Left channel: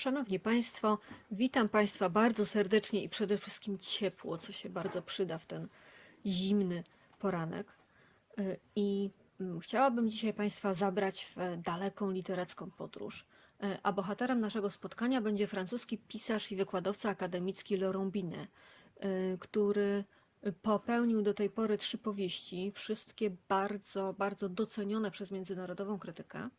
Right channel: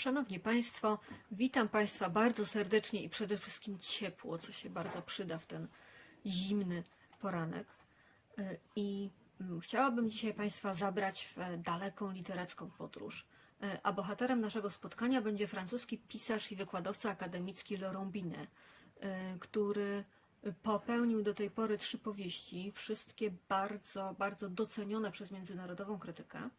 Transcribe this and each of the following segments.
Szanowni Państwo, witam Państwa bardzo serdecznie i przede wszystkim ciepło, co się bardzo przyda w ten zimny poranek. Y, I mm, chciałabym dzisiaj Państwa zabrać w daleką literacką podróż. Y, A bohaterem naszego spotkania będzie francuski pisarz i wykładowca akademicki Laurent Binet, y, który popełnił do tej pory trzy powieści, wszystkie bardzo, bardzo docenione przez międzynarodową krytykę.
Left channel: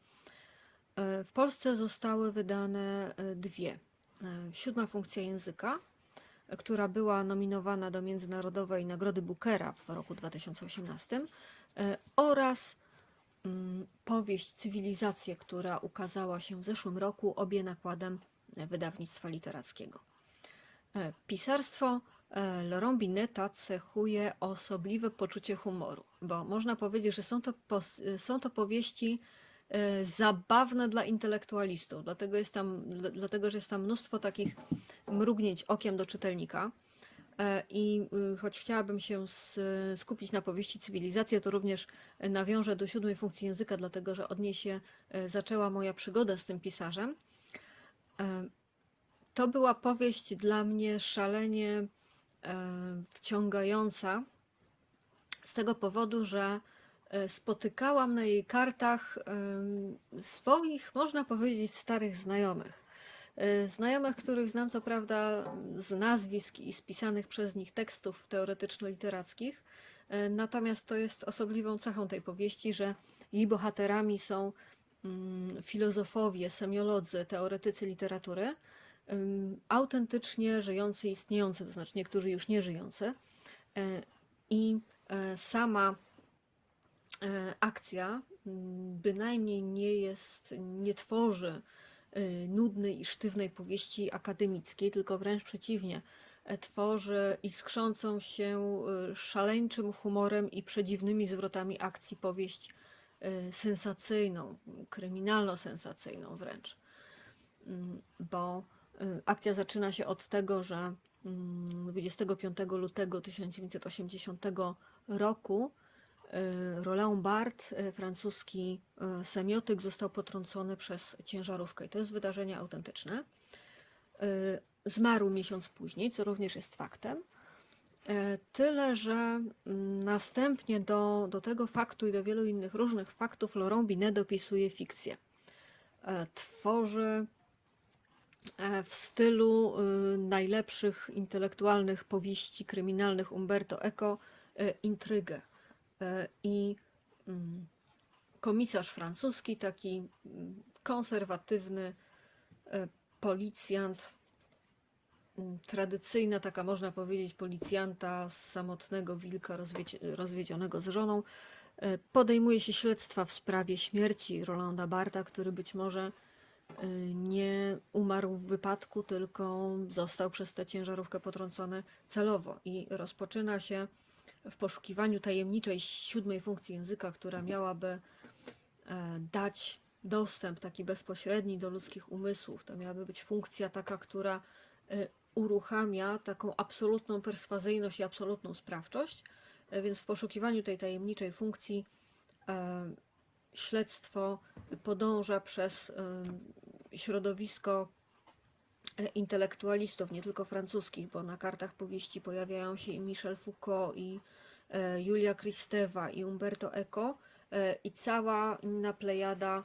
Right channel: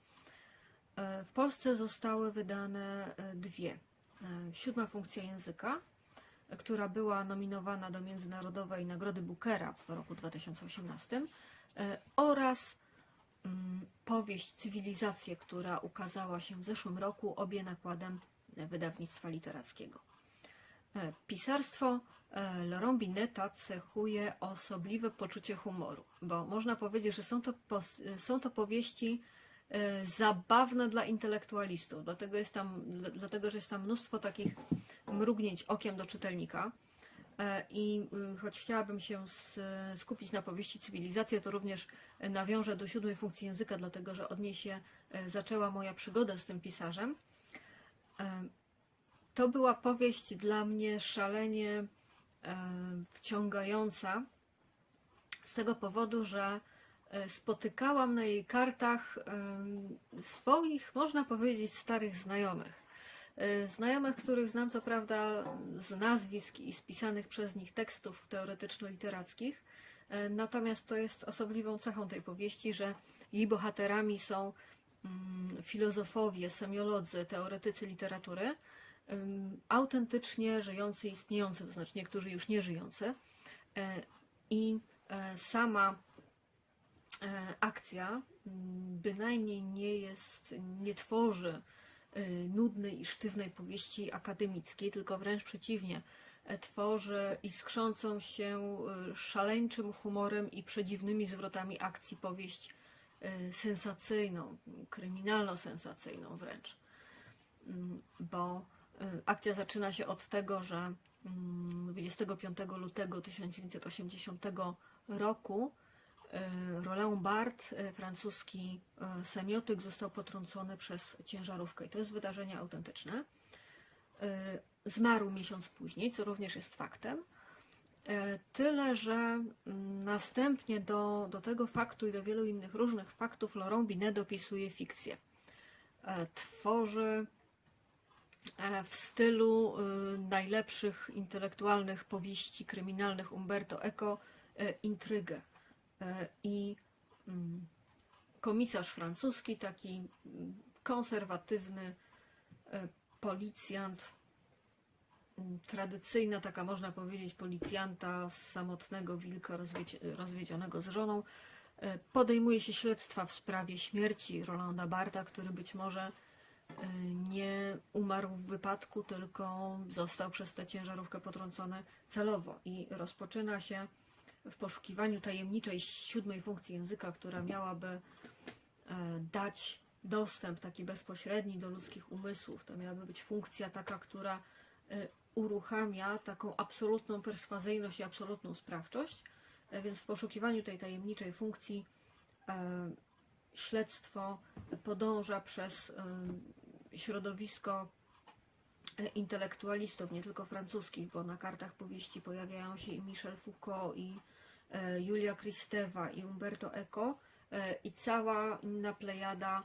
E, W Polsce zostały wydane e, dwie. E, Siódma funkcja języka, która była nominowana do Międzynarodowej Nagrody Bookera w roku 2018 e, oraz mm, powieść Cywilizacje, która ukazała się w zeszłym roku, obie nakładem wydawnictwa literackiego. Pisarstwo Laurent Bineta cechuje osobliwe poczucie humoru, bo można powiedzieć, że są to, są to powieści e, zabawne dla intelektualistów, dlatego, jest tam, dla- dlatego że jest tam mnóstwo takich mrugnięć okiem do czytelnika. E, I y, choć chciałabym się skupić na powieści Cywilizacja, to również nawiążę do siódmej funkcji języka, dlatego że od niej się e, zaczęła moja przygoda z tym pisarzem. To była powieść dla mnie szalenie wciągająca z tego powodu, że spotykałam na jej kartach swoich, można powiedzieć, starych znajomych. E, Znajomych, których znam co prawda z nazwisk i spisanych przez nich tekstów teoretyczno-literackich, e, natomiast to jest osobliwą cechą tej powieści, że jej bohaterami są mm, filozofowie, semiolodzy, teoretycy literatury, autentycznie żyjący, istniejący, to znaczy niektórzy już nie żyjący. E, I e, sama e, akcja mm, bynajmniej nie jest, nie tworzy e, nudnej i sztywnej powieści akademickiej, tylko wręcz przeciwnie, e, tworzy iskrzącą się e, szaleńczym humorem i przedziwnymi zwrotami akcji powieść e, sensacyjną, kryminalno-sensacyjną wręcz. Mm, Bo e, akcja zaczyna się od tego, że mm, 25 lutego 1980 roku e, Roland Barthes, e, francuski e, semiotyk, został potrącony przez ciężarówkę. I to jest wydarzenie autentyczne. E, Zmarł miesiąc później, co również jest faktem. E, Tyle, że mm, następnie do, do tego faktu i do wielu innych różnych faktów Laurent Binet dopisuje fikcję. E, Tworzy e, w stylu y, najlepszych intelektualnych powieści kryminalnych Umberto Eco e, intrygę. E, I mm, komisarz francuski, taki mm, konserwatywny e, policjant, mm, tradycyjna taka można powiedzieć policjanta z samotnego wilka rozwiedzi- rozwiedzionego z żoną, e, podejmuje się śledztwa w sprawie śmierci Rolanda Barta, który być może nie umarł w wypadku, tylko został przez tę ciężarówkę potrącony celowo. I rozpoczyna się w poszukiwaniu tajemniczej siódmej funkcji języka, która miałaby e, dać dostęp taki bezpośredni do ludzkich umysłów. To miałaby być funkcja taka, która e, uruchamia taką absolutną perswazyjność i absolutną sprawczość. E, Więc w poszukiwaniu tej tajemniczej funkcji śledztwo podąża przez środowisko intelektualistów, nie tylko francuskich, bo na kartach powieści pojawiają się i Michel Foucault, i Julia Kristeva, i Umberto Eco, e, i cała inna plejada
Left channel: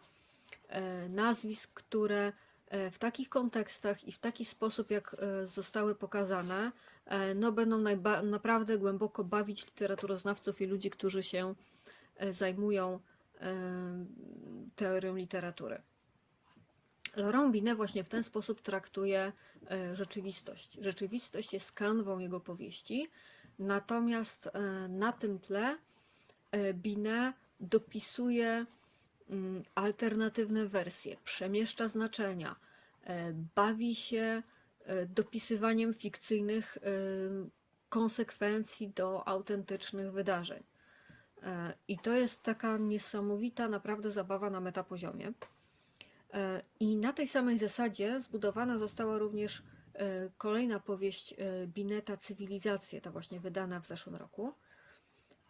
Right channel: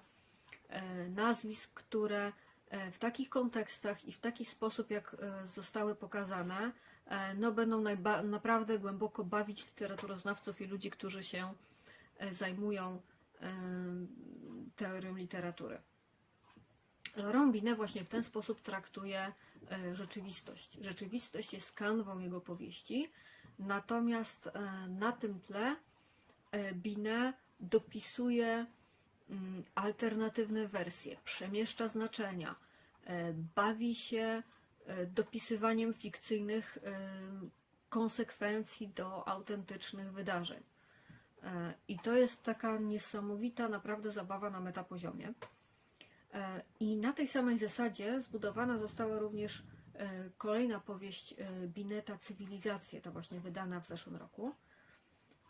e, nazwisk, które e, w takich kontekstach i w taki sposób, jak e, zostały pokazane, e, no będą naprawdę głęboko bawić literaturoznawców i ludzi, którzy się e, zajmują teorią literatury. Laurent Binet właśnie w ten sposób traktuje e, rzeczywistość. Rzeczywistość jest kanwą jego powieści, natomiast e, na tym tle e, Binet dopisuje mm, alternatywne wersje, przemieszcza znaczenia, e, bawi się dopisywaniem fikcyjnych konsekwencji do autentycznych wydarzeń. I to jest taka niesamowita naprawdę zabawa na metapoziomie. I na tej samej zasadzie zbudowana została również kolejna powieść e, Bineta Cywilizacje, ta właśnie wydana w zeszłym roku.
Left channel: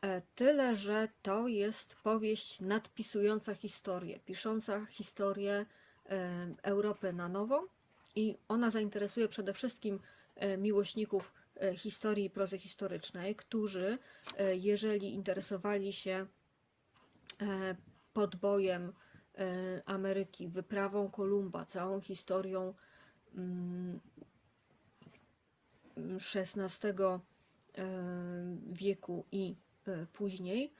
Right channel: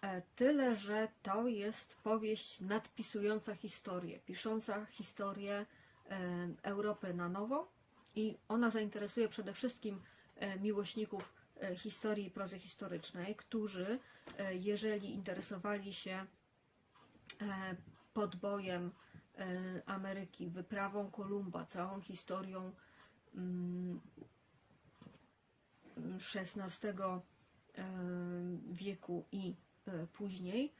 E, Tyle, że to jest powieść nadpisująca historię, pisząca historię e, Europy na nowo I ona zainteresuje przede wszystkim e, miłośników e, historii i prozy historycznej, którzy, e, jeżeli interesowali się e, podbojem e, Ameryki, wyprawą Kolumba, całą historią mm, XVI e, wieku i e, później,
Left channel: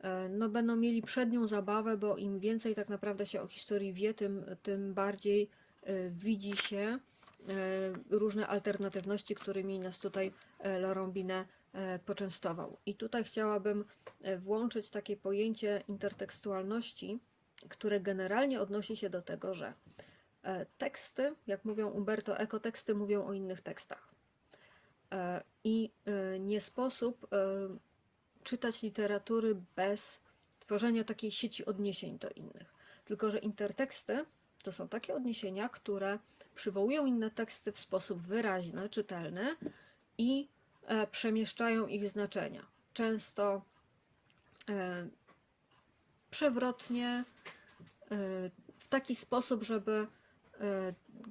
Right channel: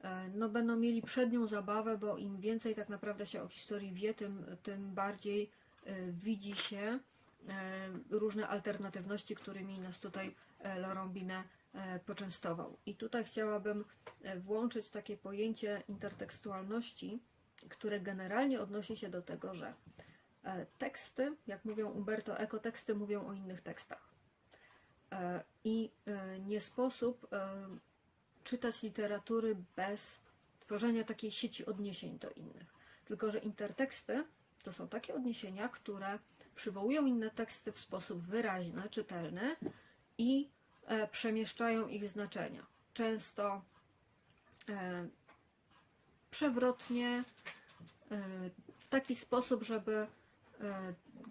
e, no będą mieli przednią zabawę, bo im więcej tak naprawdę się o historii wie, tym, tym bardziej widzi się różne alternatywności, którymi nas tutaj e, Laurent Binet e, poczęstował. I tutaj chciałabym włączyć takie pojęcie intertekstualności, które generalnie odnosi się do tego, że teksty, jak mówią Umberto Eco, teksty mówią o innych tekstach. E, I e, nie sposób e, czytać literatury bez tworzenia takiej sieci odniesień do innych. Tylko, że interteksty to są takie odniesienia, które przywołują inne teksty w sposób wyraźny, czytelny i przemieszczają ich znaczenia. Często przewrotnie, w taki sposób, żeby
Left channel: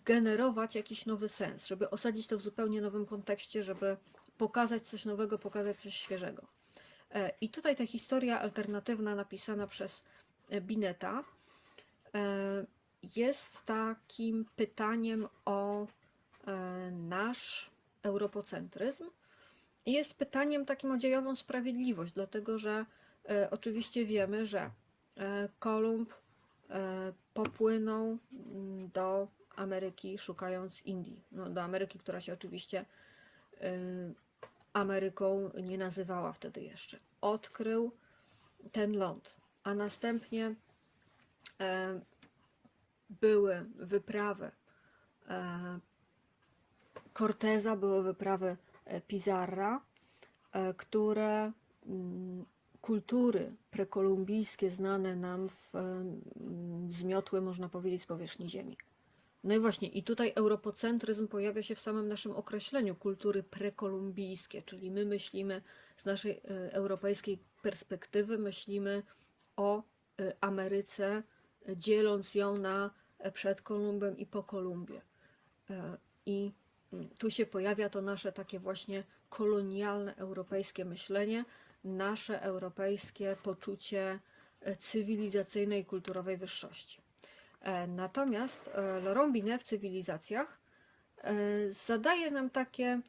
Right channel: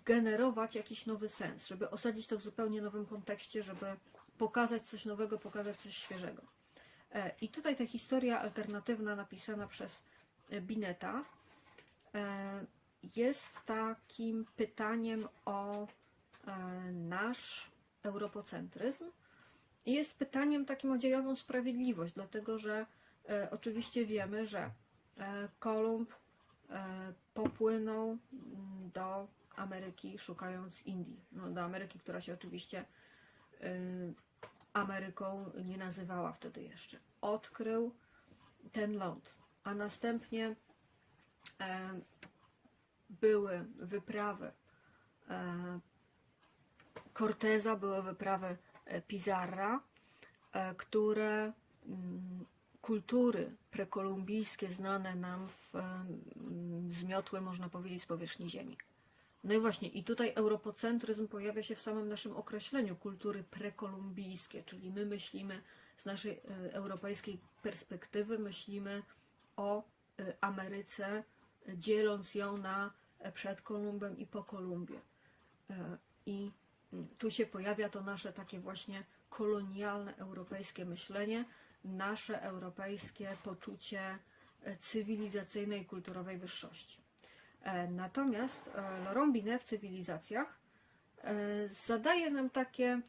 generować jakiś nowy sens, żeby osadzić to w zupełnie nowym kontekście, żeby pokazać coś nowego, pokazać coś świeżego. E, I tutaj ta historia alternatywna napisana przez e, Bineta e, jest takim pytaniem o nasz europocentryzm jest pytaniem takim o dziejową sprawiedliwość, dlatego że oczywiście wiemy, że Kolumb popłynął mm, do Ameryki szukając Indii. No, do Ameryki, która się oczywiście e, Ameryką nie nazywała wtedy jeszcze. Odkrył ten ląd, a następnie e, były wyprawy e, Corteza, były wyprawy Pizarra, które mm, kultury prekolumbijskie znane nam w, zmiotły, można powiedzieć, z powierzchni Ziemi. No i właśnie, i tutaj europocentryzm pojawia się w samym naszym określeniu kultury prekolumbijskie, czyli my myślimy z naszej e, europejskiej perspektywy, myślimy o e, Ameryce, e, dzieląc ją na przed Kolumbem i po Kolumbie. I mm, tu się pojawia to nasze takie właśnie kolonialne europejskie myślenie, nasze europejskie poczucie cywilizacyjnej kulturowej wyższości. E, Natomiast e, Laurent Binet w cywilizacjach e, zadaje nam takie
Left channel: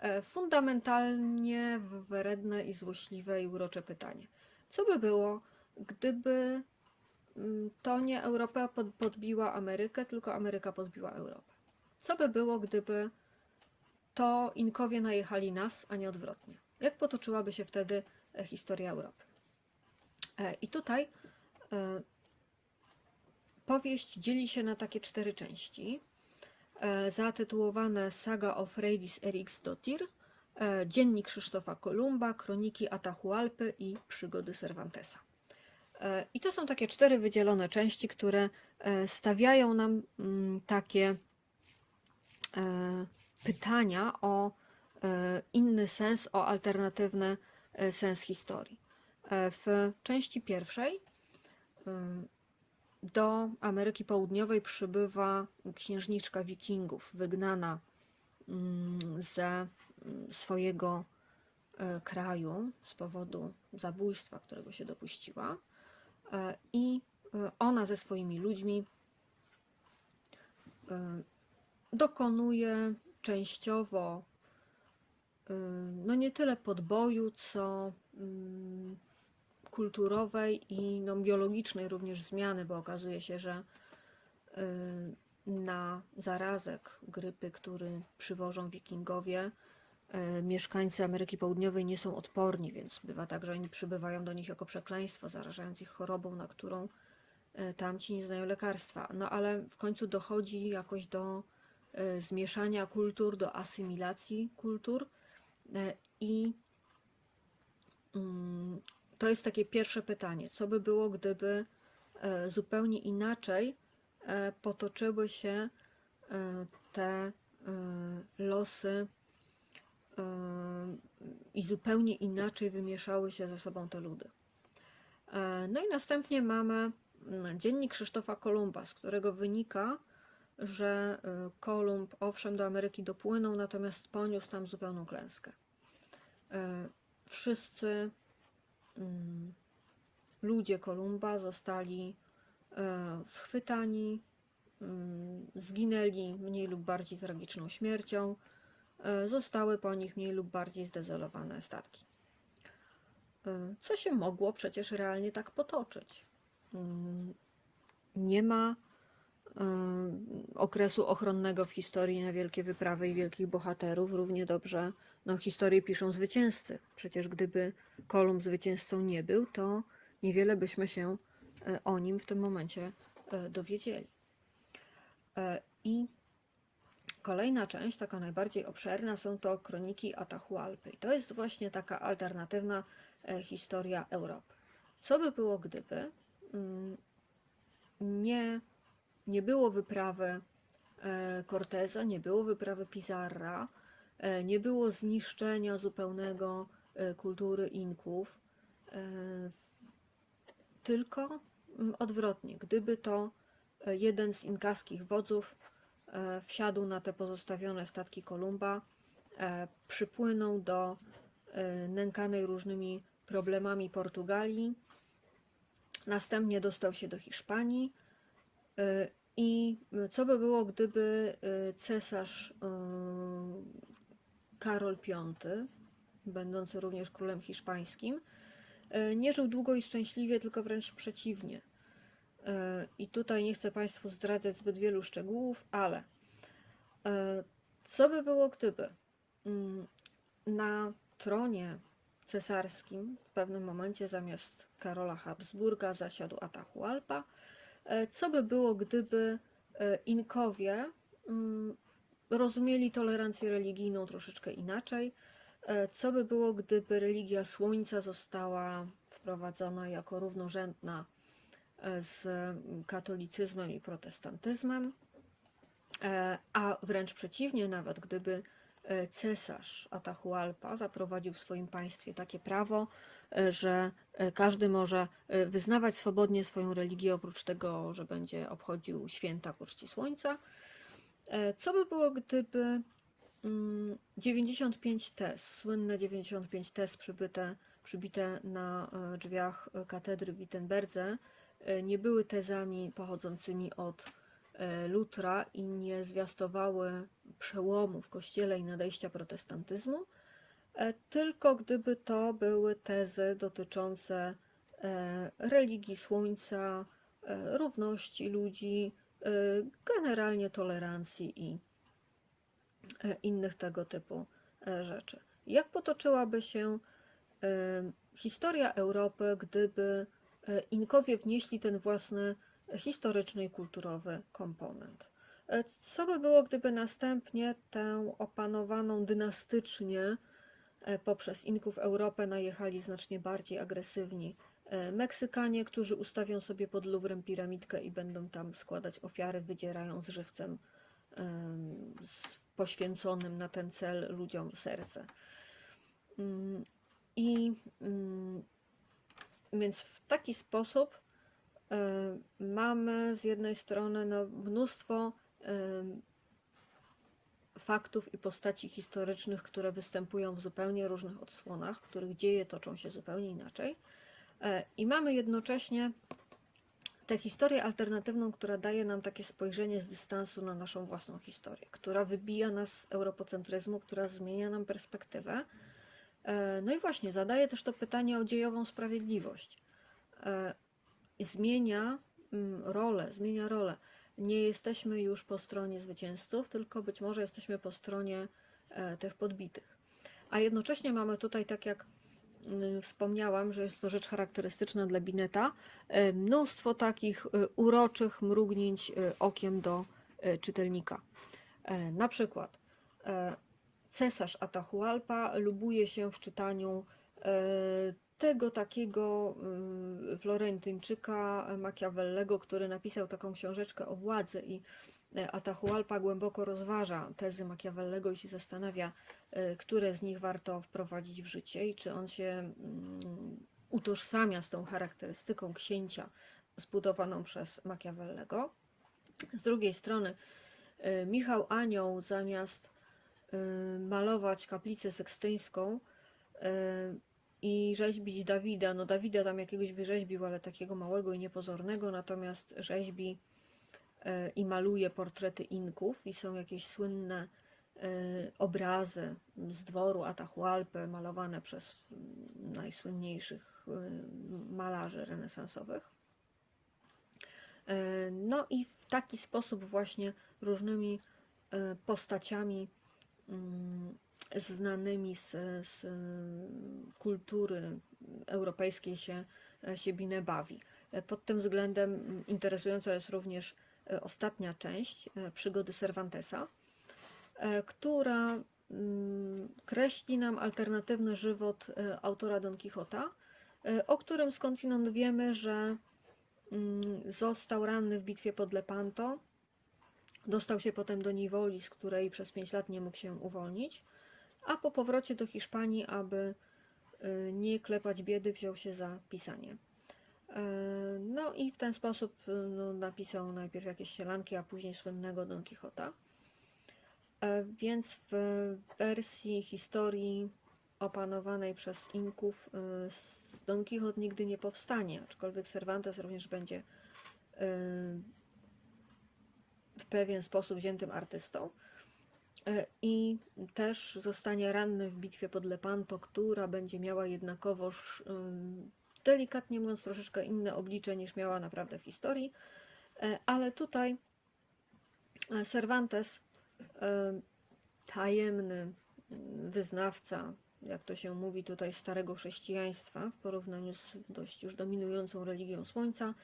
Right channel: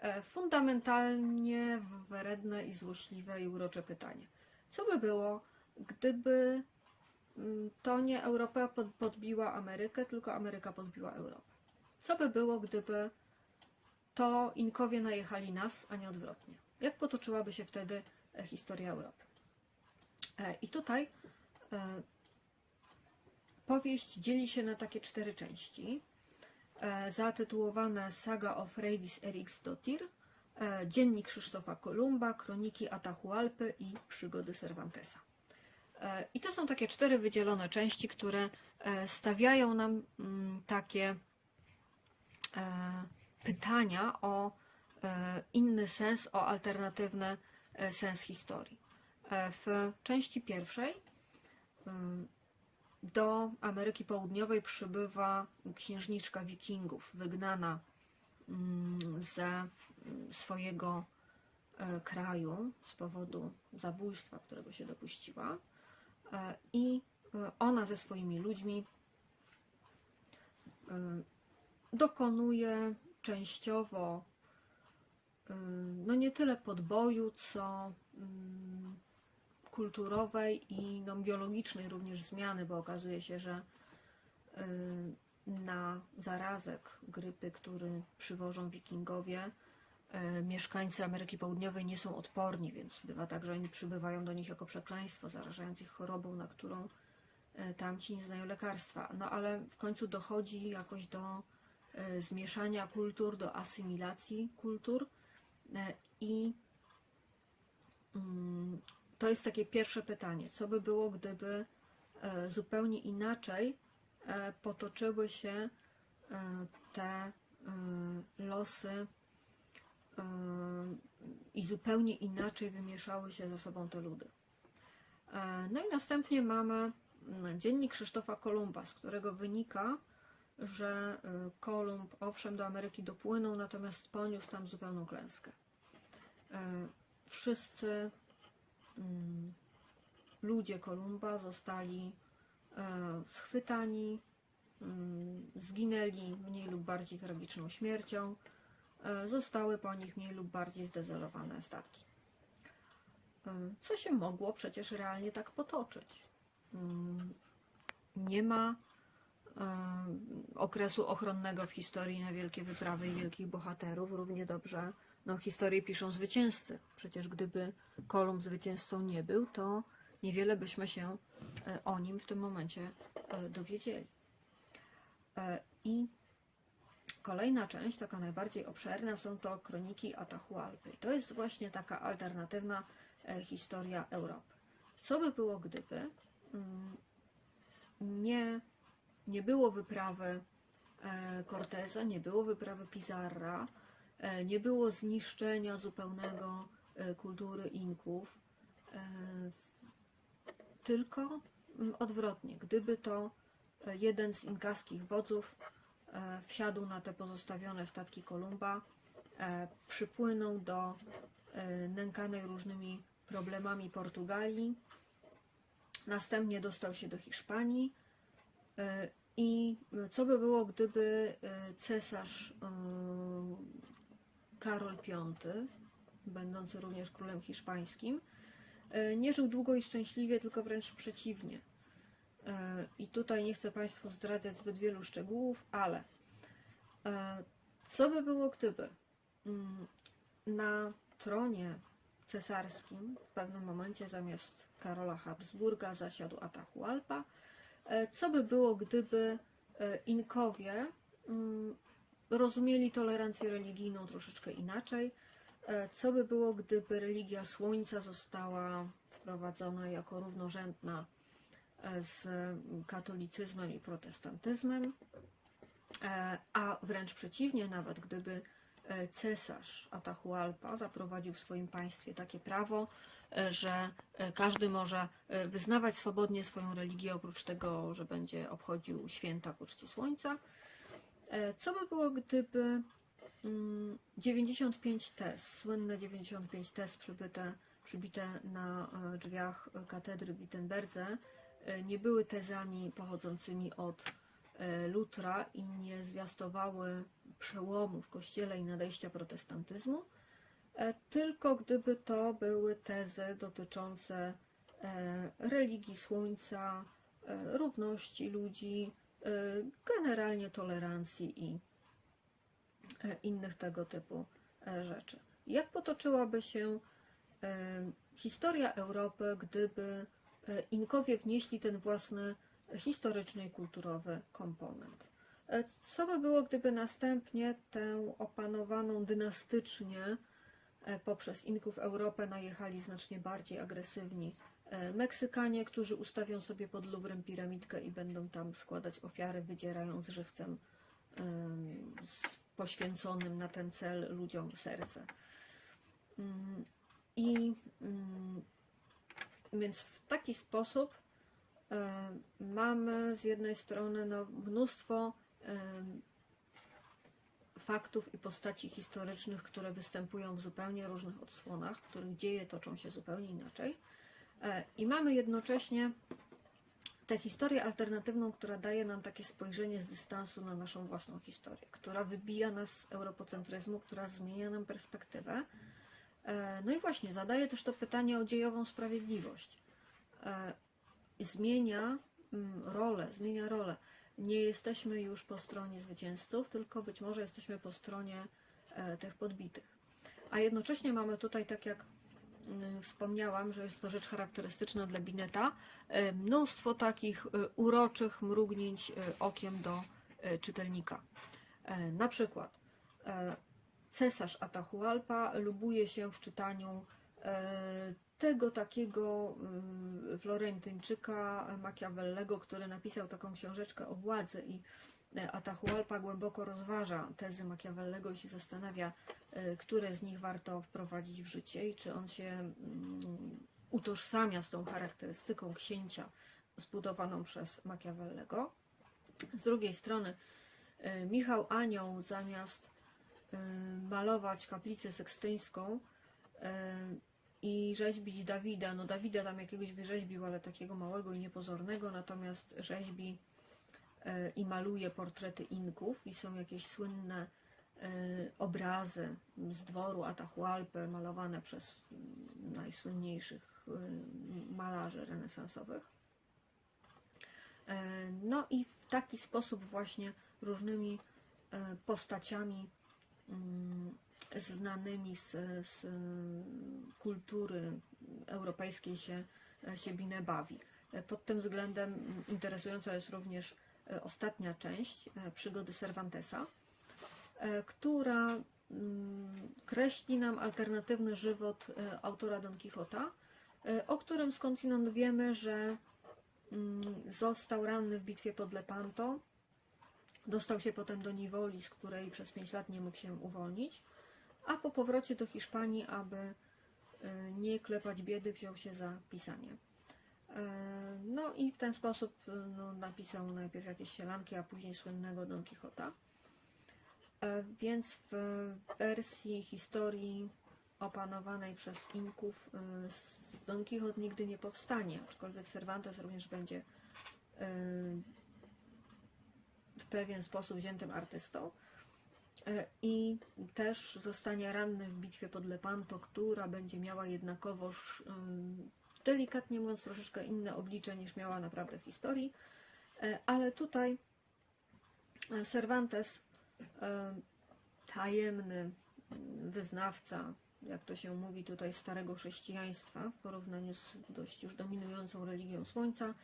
e, fundamentalnie wredne i złośliwe i urocze pytanie. Co by było, gdyby mm, to nie Europa pod- podbiła Amerykę, tylko Ameryka podbiła Europę? Co by było, gdyby to Inkowie najechali nas, a nie odwrotnie? Jak potoczyłaby się wtedy e, historia Europy? E, I tutaj e, powieść dzieli się na takie cztery części, e, zatytułowane Saga of Freydis Eriksdottir, e, Dziennik Krzysztofa Kolumba, Kroniki Atahualpy i Przygody Cervantesa. E, I to są takie cztery wydzielone części, które stawiają nam mm, takie pytania o inny sens, o alternatywny sens historii. W części pierwszej do Ameryki Południowej przybywa księżniczka Wikingów, wygnana mm, ze mm, swojego e, kraju z powodu zabójstwa, którego się dopuściła. E, I e, ona ze swoimi ludźmi dokonuje częściowo no nie tyle podboju, co mm, kulturowej i no, biologicznej również zmiany, bo okazuje się, że y, na zarazek grypy, który przywożą wikingowie, y, mieszkańcy Ameryki Południowej nie są odporni, więc bywa tak, że oni przybywają do nich jako przekleństwo, zarażając ich chorobą, na którą y, tamci nie znają lekarstwa. No ale w końcu dochodzi jakoś do zmieszania kultur, do asymilacji kultur. I mm, to jest takie pierwsze pytanie. Co by było, gdyby e, zupełnie inaczej e, potoczyły się e, te losy i zupełnie inaczej wymieszały się ze sobą te ludy? No i następnie mamy mm, dziennik Krzysztofa Kolumba, z którego wynika, że Kolumb owszem do Ameryki dopłynął, natomiast poniósł tam zupełną klęskę. Wszyscy ludzie Kolumba zostali e, schwytani, mm, zginęli mniej lub bardziej tragiczną śmiercią, e, zostały po nich mniej lub bardziej zdezolowane statki. E, Co się mogło przecież realnie tak potoczyć? Mm, Nie ma okresu ochronnego w historii na wielkie wyprawy i wielkich bohaterów. Równie dobrze no, historię piszą zwycięzcy. Przecież gdyby Kolumb zwycięzcą nie był, to niewiele byśmy się e, o nim w tym momencie e, dowiedzieli. E, I kolejna część, taka najbardziej obszerna, są to kroniki Atahualpy. To jest właśnie taka alternatywna historia Europy. Co by było, gdyby mm, nie, nie było wyprawy Corteza, nie było wyprawy Pizarra, nie było zniszczenia zupełnego e, kultury Inków, e, tylko mm, odwrotnie, gdyby to e, jeden z inkaskich wodzów e, wsiadł na te pozostawione statki Kolumba, e, przypłynął do e, nękanej różnymi problemami Portugalii, następnie dostał się do Hiszpanii e, i co by było, gdyby e, cesarz e, Karol V, będący również królem hiszpańskim, e, nie żył długo i szczęśliwie, tylko wręcz przeciwnie. E, I tutaj nie chcę Państwu zdradzać zbyt wielu szczegółów, ale e, co by było, gdyby mm, na tronie cesarskim w pewnym momencie zamiast Karola Habsburga zasiadł Atahualpa? Co by było, gdyby Inkowie mm, rozumieli tolerancję religijną troszeczkę inaczej? E, Co by było, gdyby religia Słońca została wprowadzona jako równorzędna e, z katolicyzmem i protestantyzmem? E, A wręcz przeciwnie, nawet gdyby cesarz Atahualpa zaprowadził w swoim państwie takie prawo, że każdy może wyznawać swobodnie swoją religię, oprócz tego, że będzie obchodził święta ku czci słońca. E, Co by było, gdyby mm, 95 tez, słynne 95 tez przybite, przybite na e, drzwiach e, katedry w Wittenberdze, nie były tezami pochodzącymi od Lutra i nie zwiastowały przełomu w kościele i nadejścia protestantyzmu, tylko gdyby to były tezy dotyczące religii słońca, równości ludzi, generalnie tolerancji i e, innych tego typu e, rzeczy. Jak potoczyłaby się e, historia Europy, gdyby Inkowie wnieśli ten własny historyczny i kulturowy komponent? Co by było, gdyby następnie tę opanowaną dynastycznie poprzez Inków Europę najechali znacznie bardziej agresywni Meksykanie, którzy ustawią sobie pod Luwrem piramidkę i będą tam składać ofiary, wydzierając żywcem poświęconym na ten cel ludziom serce. Mm, I mm, więc w taki sposób e, mamy z jednej strony no, mnóstwo faktów i postaci historycznych, które występują w zupełnie różnych odsłonach, których dzieje toczą się zupełnie inaczej. E, I mamy jednocześnie tę historię alternatywną, która daje nam takie spojrzenie z dystansu na naszą własną historię, która wybija nas z europocentryzmu, która zmienia nam perspektywę. E, No i właśnie, zadaje też to pytanie o dziejową sprawiedliwość. E, Zmienia mm, rolę, zmienia rolę. Nie jesteśmy już po stronie zwycięzców, tylko być może jesteśmy po stronie tych podbitych. A jednocześnie mamy tutaj, tak jak wspomniałam, że jest to rzecz charakterystyczna dla Bineta, e, mnóstwo takich e, uroczych mrugnięć okiem do czytelnika. E, Na przykład e, cesarz Atahualpa lubuje się w czytaniu e, tego takiego mm, Florentyńczyka Machiavellego, który napisał taką książeczkę o władzy i Atahualpa głęboko rozważa tezy Machiavellego i się zastanawia, e, które z nich warto wprowadzić w życie i czy on się mm, utożsamia z tą charakterystyką księcia zbudowaną przez Machiavellego. Z drugiej strony e, Michał Anioł zamiast e, malować kaplicę sekstyńską e, i rzeźbić Dawida, no Dawida tam jakiegoś wyrzeźbił, ale takiego małego i niepozornego, natomiast rzeźbi e, i maluje portrety Inków i są jakieś słynne e, obrazy z dworu Atahualpy malowane przez najsłynniejszych e, malarzy renesansowych. E, No i w taki sposób właśnie różnymi e, postaciami mm, znanymi z, z kultury europejskiej się, się Binę bawi. E, Pod tym względem interesująca jest również e, ostatnia część e, przygody Cervantesa, e, która mm, kreśli nam alternatywny żywot e, autora Don Quixota, e, o którym skądinąd wiemy, że mm, został ranny w bitwie pod Lepanto, dostał się potem do niewoli, z której przez 5 lat nie mógł się uwolnić, a po powrocie do Hiszpanii, aby e, nie klepać biedy, wziął się za pisanie. E, No i w ten sposób e, no, napisał najpierw jakieś sielanki, a później słynnego Don Quixota. E, Więc w wersji historii opanowanej przez Inków s- Don Quixote nigdy nie powstanie, aczkolwiek Cervantes również będzie e, w pewien sposób wziętym artystą. E, I też zostanie ranny w bitwie pod Lepanto, która będzie miała jednakowoż, delikatnie mówiąc, troszeczkę inne oblicze niż miała naprawdę w historii. E, Ale tutaj e, Cervantes, e, tajemny wyznawca, jak to się mówi tutaj, starego chrześcijaństwa w porównaniu z dość już dominującą religią Słońca,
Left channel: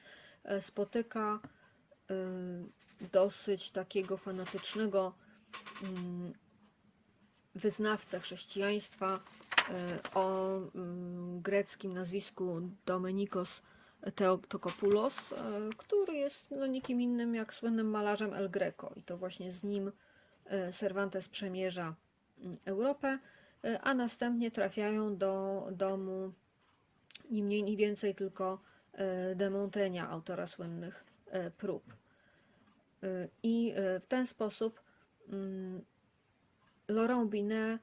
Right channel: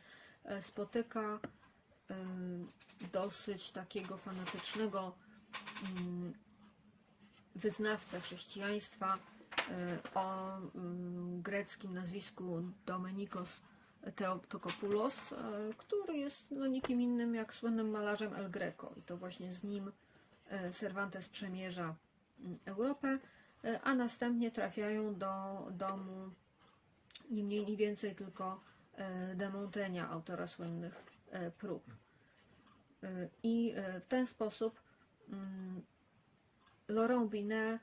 spotyka dosyć takiego fanatycznego mm, wyznawcę chrześcijaństwa o mm, greckim nazwisku Domenikos Theotokopoulos, e, który jest no, nikim innym jak słynnym malarzem El Greco i to właśnie z nim e, Cervantes przemierza mm, Europę, a następnie trafiają do domu ni mniej ni więcej tylko de Montaigne, autora słynnych prób. I w ten sposób mm, Laurent Binet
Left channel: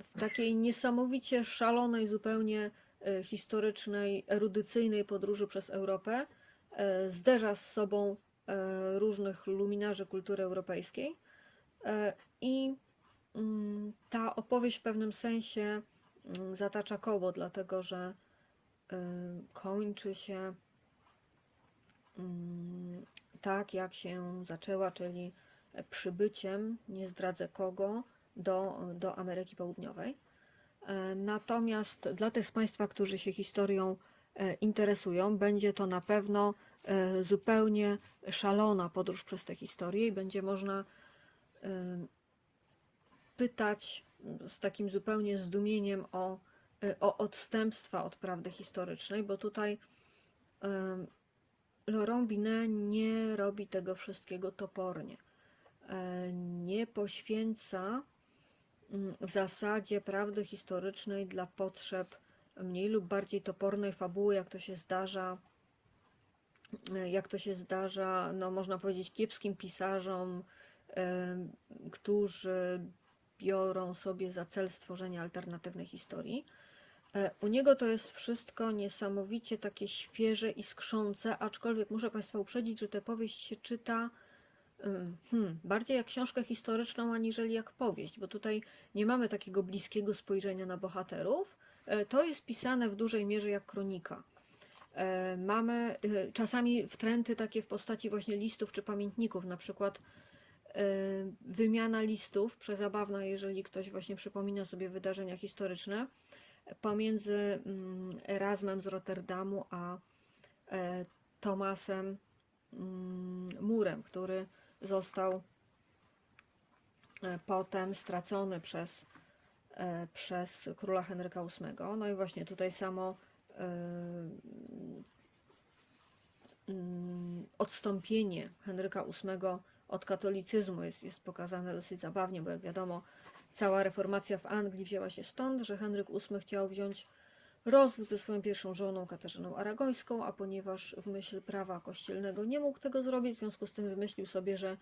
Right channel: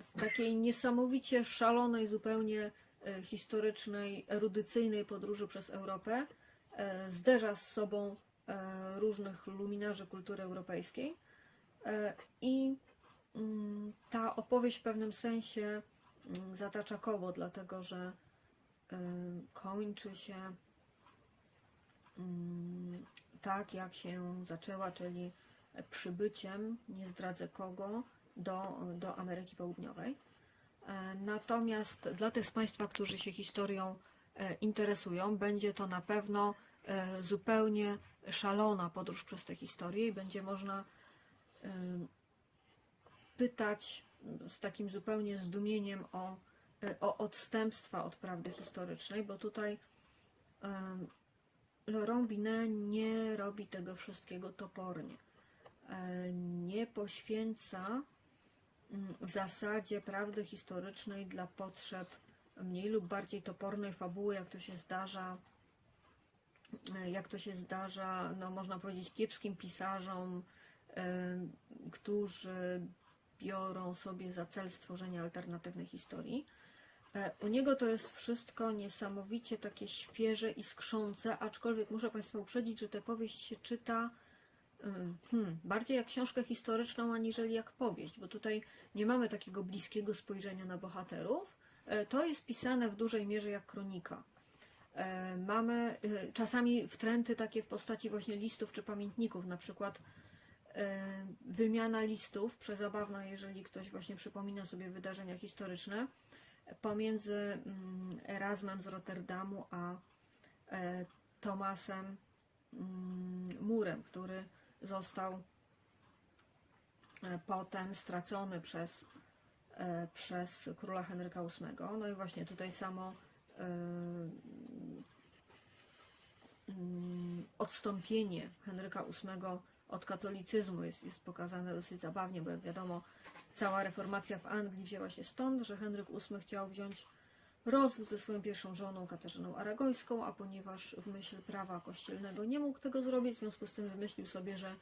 w takiej niesamowicie szalonej, zupełnie e, historycznej, erudycyjnej podróży przez Europę e, zderza z sobą e, różnych luminarzy kultury europejskiej. I mm, ta opowieść w pewnym sensie mm, zatacza koło, dlatego że kończy się mm, tak, jak się zaczęła, czyli przybyciem, nie zdradzę kogo, do, do Ameryki Południowej. E, Natomiast dla tych z Państwa, którzy się historią e, interesują, będzie to na pewno e, zupełnie szalona podróż przez tę historię i będzie można pytać z takim zupełnie zdumieniem o, o odstępstwa od prawdy historycznej, bo tutaj Laurent Binet nie robi tego wszystkiego topornie. Nie poświęca zasadzie prawdy historycznej dla potrzeb mniej lub bardziej topornej fabuły, jak to się zdarza, jak to się zdarza, no można powiedzieć, kiepskim pisarzom, którzy biorą sobie za cel stworzenie alternatywnej historii. E, U niego to jest wszystko niesamowicie takie świeże i skrzące, aczkolwiek muszę Państwa uprzedzić, że tę powieść się czyta hmm, bardziej jak książkę historyczną, aniżeli jak powieść, bo tutaj nie mamy takiego bliskiego spojrzenia na bohaterów. E, To jest pisane w dużej mierze jak kronika. E, Mamy e, czasami wtręty takie w postaci właśnie listów czy pamiętników, na przykład wymiana listów, przezabawna, jeżeli ktoś właśnie przypomina sobie wydarzenia historyczne, pomiędzy mm, Erasmem z Rotterdamu a Tomasem mm, Murem, który został e, potem stracony przez, e, przez króla Henryka VIII. No i właśnie tutaj samo e, mm, odstąpienie Henryka VIII od katolicyzmu jest, jest pokazane dosyć zabawnie, bo jak wiadomo, cała reformacja w Anglii wzięła się stąd, że Henryk VIII chciał wziąć rozwód ze swoją pierwszą żoną Katarzyną Aragońską, a ponieważ w myśl prawa kościelnego nie mógł tego zrobić, w związku z tym wymyślił sobie, że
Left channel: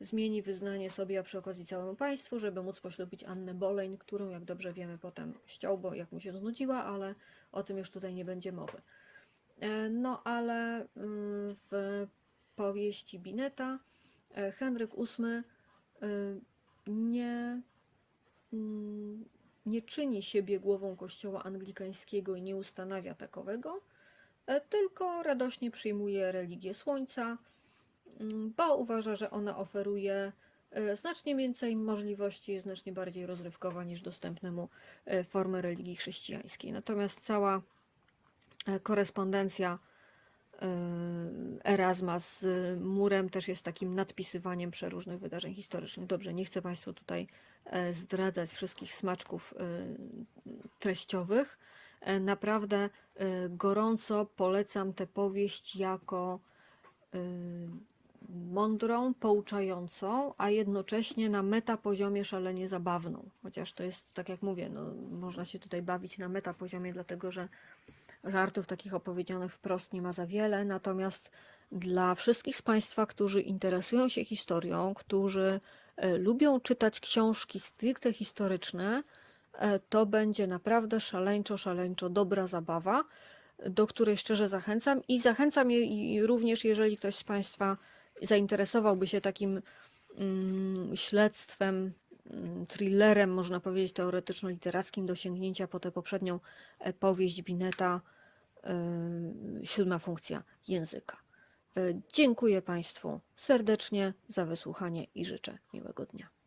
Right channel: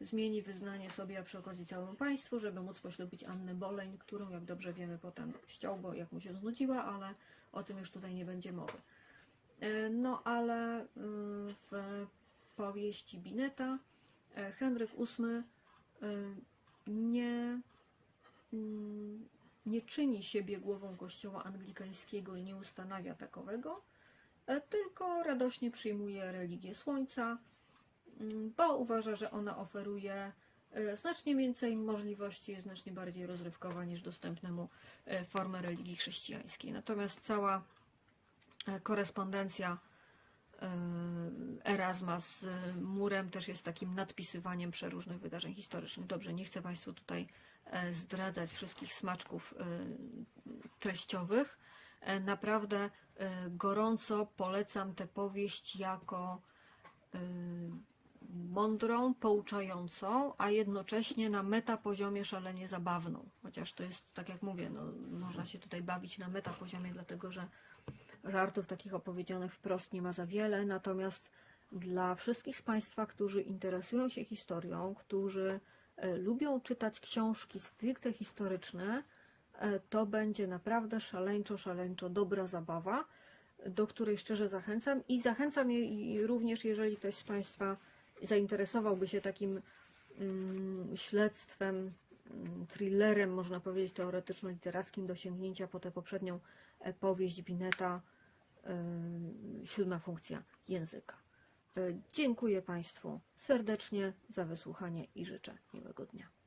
zmieni wyznanie sobie, a przy okazji całemu państwu, żeby móc poślubić Annę Boleń, którą, jak dobrze wiemy, potem ściął, bo jak mu się znudziła, ale o tym już tutaj nie będzie mowy. E, No ale y, w powieści Bineta e, Henryk VIII y, nie, mm, nie czyni siebie głową kościoła anglikańskiego i nie ustanawia takowego, e, tylko radośnie przyjmuje religię Słońca, mm, bo uważa, że ona oferuje e, znacznie więcej możliwości, jest znacznie bardziej rozrywkowa niż dostępne mu e, formy religii chrześcijańskiej. Natomiast cała korespondencja Erasma z murem też jest takim nadpisywaniem przeróżnych wydarzeń historycznych. Dobrze, nie chcę Państwu tutaj e, zdradzać wszystkich smaczków e, treściowych. E, Naprawdę e, gorąco polecam tę powieść jako mądrą, pouczającą, a jednocześnie na metapoziomie szalenie zabawną. Chociaż to jest, tak jak mówię, no, można się tutaj bawić na metapoziomie, dlatego że żartów takich opowiedzianych wprost nie ma za wiele, natomiast dla wszystkich z Państwa, którzy interesują się historią, którzy e, lubią czytać książki stricte historyczne, e, to będzie naprawdę szaleńczo, szaleńczo dobra zabawa, do której szczerze zachęcam i zachęcam je również, jeżeli ktoś z Państwa zainteresowałby się takim mm, śledztwem, mm, thrillerem, można powiedzieć, teoretyczno-literackim do sięgnięcia po tę poprzednią powieść Bineta, e, siódma funkcja języka. E, Dziękuję Państwu serdecznie za wysłuchanie i życzę miłego dnia.